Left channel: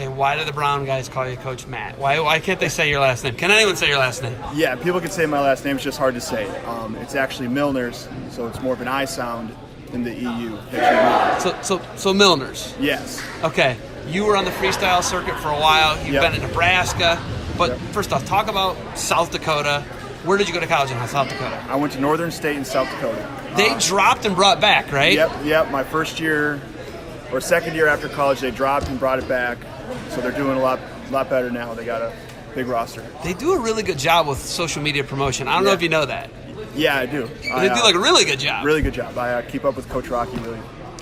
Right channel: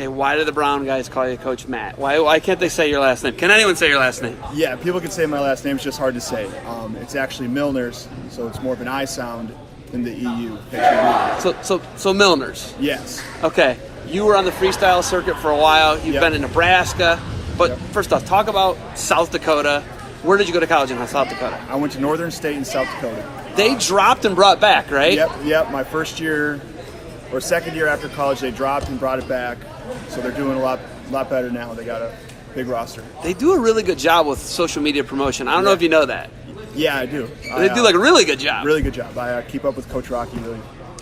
Okay, why do the Brown guys call you Coach Matt? Why can't they say your last name? Can anyone say your last name? Yeah, people can say my last name. It's just hard to say. It's actually Meuleners, so it's more of an I sound than the EU that you read. So Meuleners. Yes. Okay, you were on the freestyle circuit for a while. You've been in Nebraska. But first off, talk about South Dakota. Where did you go to college in South Dakota? I went to Northern State in South Dakota. They dropped and brought back, right? Yep. My first year or second year after college, they dropped and brought it back. So they're doing a lot better now. They got a big roster. They do a really good job with social media promotion. I don't know if you know that. Yeah, I do. They do like a really good job. Really good job. I keep up with Coach Rocky really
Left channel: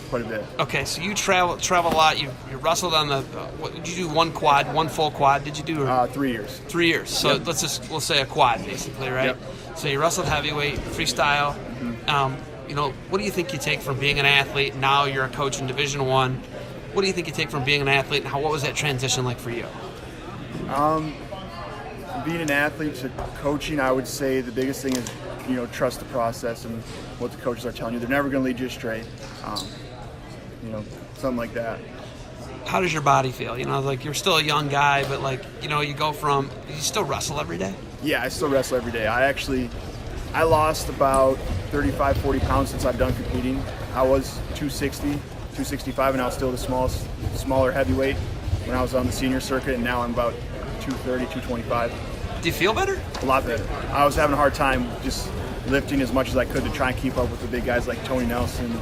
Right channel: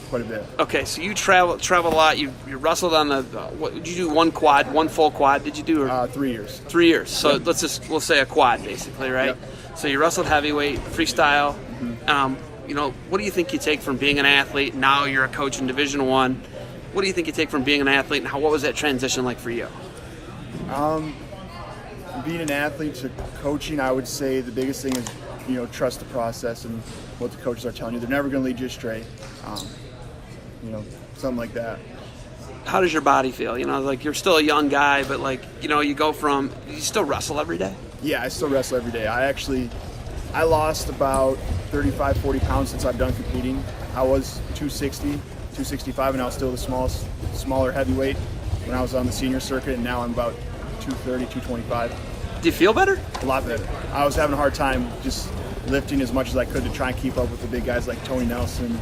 quite a bit. Okay, so you travel a lot. You wrestled on the. What did you do? One full quad? Did you do? 3 years. 3 years. So we'll say a quad basically, right? Yep. So you wrestled heavyweight, freestyle. What do you think you take from being an athlete? Now you're a coach in Division I. What do you think you take from being an athlete, and what was that transition like for you? Being an athlete to coaching, I would say the biggest thing is, trust the process and what the coaches are telling you. They're never going to lead you astray. Something like that. How does your body feel? Like you're still a young guy, but you still wrestle every day? Yeah, I still wrestle every day. I lost about 35, 40 pounds since I've done competing. I was 260, 265, and I was still the smaller heavyweight when I was on the senior circuit, and now I'm about 230, 225. Do you feel better? A lot better. I was having a hard time just lifting as much as I could to try and keep up with the big guys like Tony Nelson,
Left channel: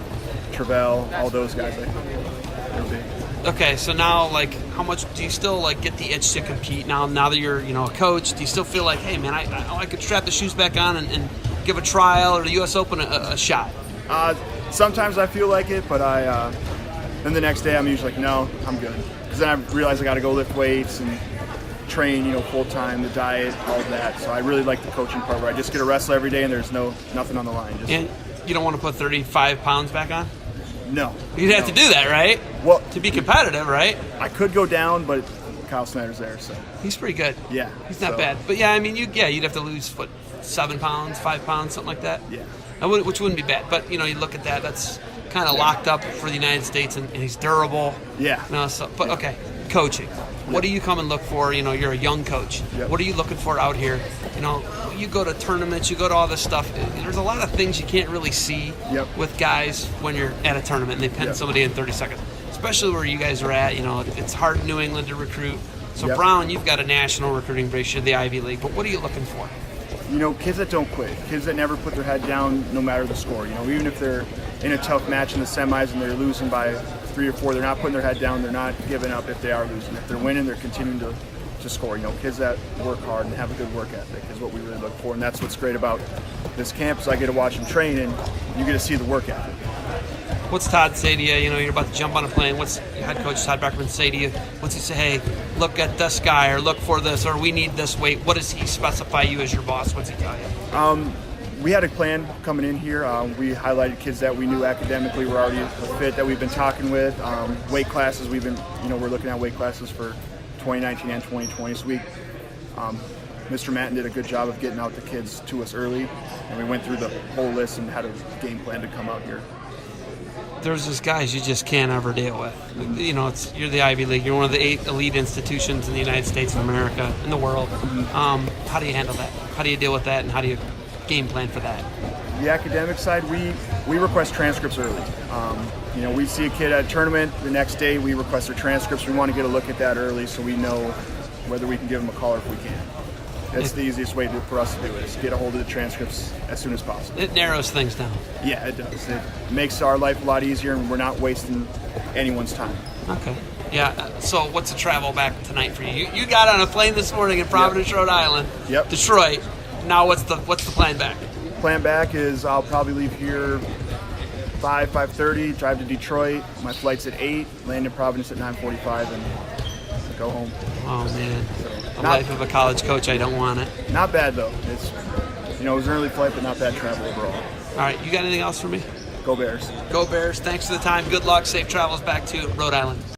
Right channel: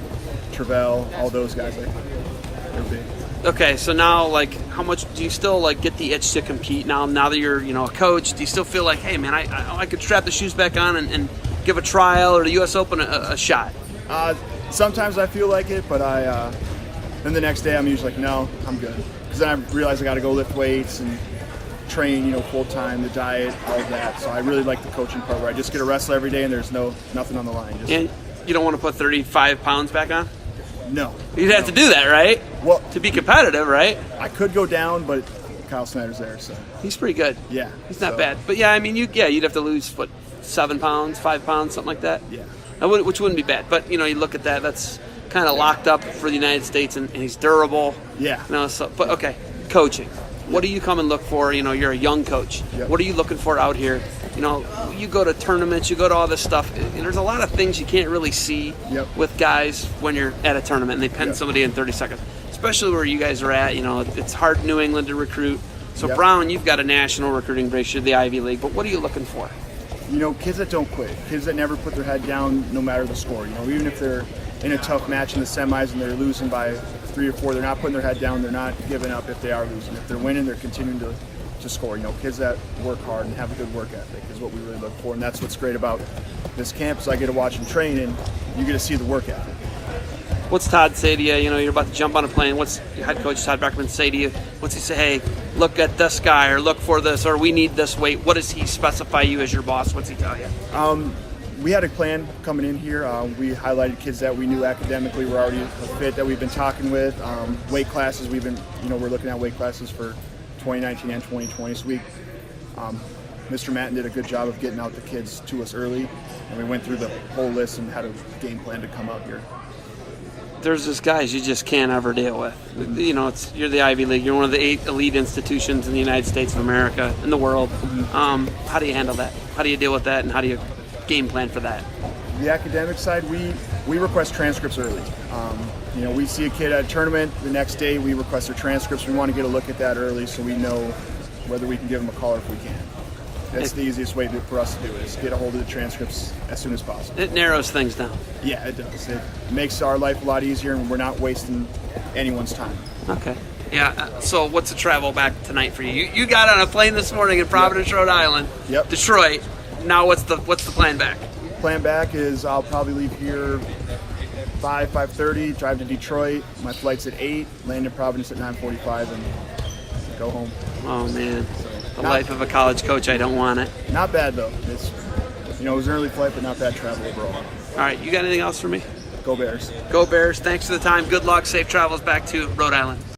Travell, all those guys. They're big. Okay, so now, how much do you still get the itch to compete now that you're a coach? Do you still feel like, hey man, I could strap the shoes back on and give a trial or the U.S. Open a shot? Sometimes I feel like it, but then the next day I'm usually like, no, I'm good, because then I realize I got to go lift weights and train, full time, the diet, all of that. So I really like the coaching part where I just get to wrestle every day and there's nothing on the line. And you don't want to put 35 pounds back on? No. You'd have to do that, right? Well, to be competitive, right? I could go down, but Kyle Snyder's there, so he's pretty good. Yeah, he's not bad. But yeah, I mean, you'd have to lose 7 pounds, 5 pounds, something like that. Yeah, which wouldn't be bad. But you look at that. That's kind of locked up for the United States, and he's durable. Yeah. Okay, coaching. What do you come and look for? You're a young coach. What are you looking for out here? You go to tournaments, you go to all this stuff. There's a lot of things you can't really see with guys when you're at a tournament and they pin somebody in 30 seconds. Especially where you guys are at. It's hard in New England to recruit. So Brown, you've got a national recruiting base, you're the Ivy League. But what are you looking for? Kids that don't quit, kids that never put their head down no matter the score. Even if they're in a tough match in the semis and they're losing by 3 or 4, they're not putting their head down, they're not giving up if they are losing. If they're winning, they're continuing to score. Kids that work hard and have a good work ethic is what we really look for, and that's what's great about this camp is I get to watch them train and you get to see the work ethic. What's Todd say to you? You're about to jump on a plane. What's head coach Todd Beckman say to you? What's he say? Hey, look at this guy, or look for this, or we need this weight. What does he specify you as your boss? What's he tell you? We had a plan coming in here. We highlighted kids that we knew academically were already a fit that we've been talking with. Weight classes, we're looking at weight classes for 2019 and 2020. So Mr. Matten did a good job of getting out the kids to us early, and we went through the whole list and had a game plan to come out here. There's just guys you just can't ever deal with. You're the Ivy League. You're one of the 8 elite institutions in the United States of America, in the world. How do you handle that? How do you deal with that, and how do you game plan for that? The academic side, we request transcripts early. We see a kid at a tournament, the next day we request their transcripts. We want to get a look at that early so we know whether we can give them a call or if we can. That's the easiest way for us to do it, is get a hold of the transcripts as soon as possible. It narrows things down. Yeah, it does. It makes our life a lot easier, and we're not wasting anyone's time. Okay. Yeah, so what's the travel back tonight for you? You got on a plane this morning in Providence, Rhode Island. Detroit. Now what's the plan back? Plan back is I'll probably leave here 5:30, drive to Detroit. My flight's at 8, land in Providence at 9:45, and go home. Oh man, the life of a college coach. I don't want it. Not bad though. It's it was an early flight, but not bad travel overall. All right, you got anything else for me? Go Bears. Go Bears. Thanks for the time. Good luck. Safe travels back to Rhode Island.